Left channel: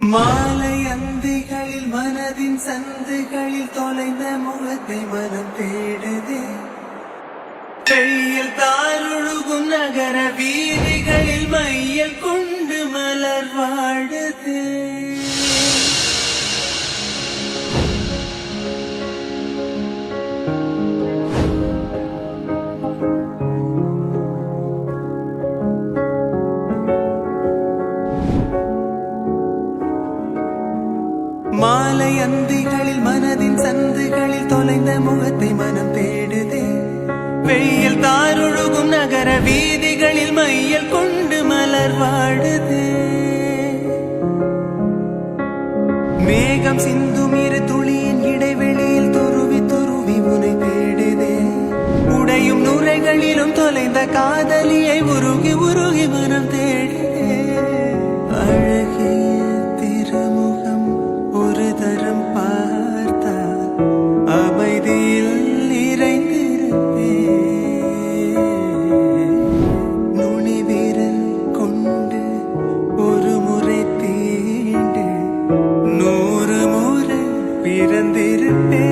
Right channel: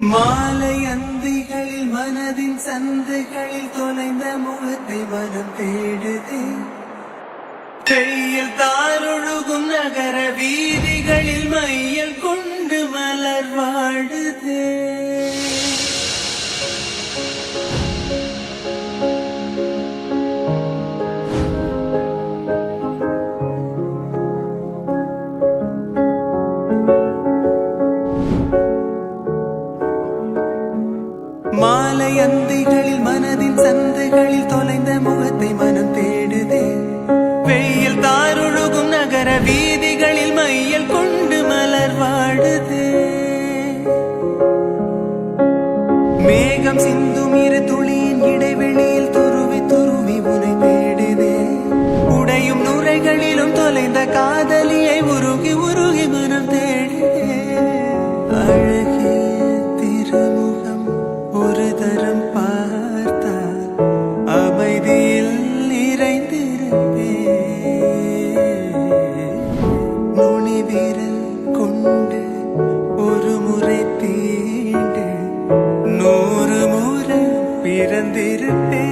மாலை அந்திகளில் மனதின் சந்தைகளில் தொலைந்த முகத்தை மனம் தேடுதே. கையில் தாருழுகும் நகர வீதிகளில் மையில் கொண்டு மலர் வாடுதே. மாலை அந்திகளில் மனதின் சந்துகளில் தொலைந்த முகத்தை மனம் தேடுதே. வெயில் தாருழுகும் நகர வீதிகளில் மையல் கொண்டு மலர் வாடுதே. மேகம் சிந்தும் இரு துளியின் இடைவெளியில் துருவி துருவி உனை தேடுதே. உடையும் நுரைகளிலும் தொலைந்த காதலியை உருகி உருகி மனம் தேடுதே. அழகிய திருமுகம் ஒரு தரம் பார்த்தால் அமைதியில் நிறைந்திருப்பே. நுனி விரல் கொண்டு ஒரு முறை தீண்டு 100 முறை பிறந்திருப்பே.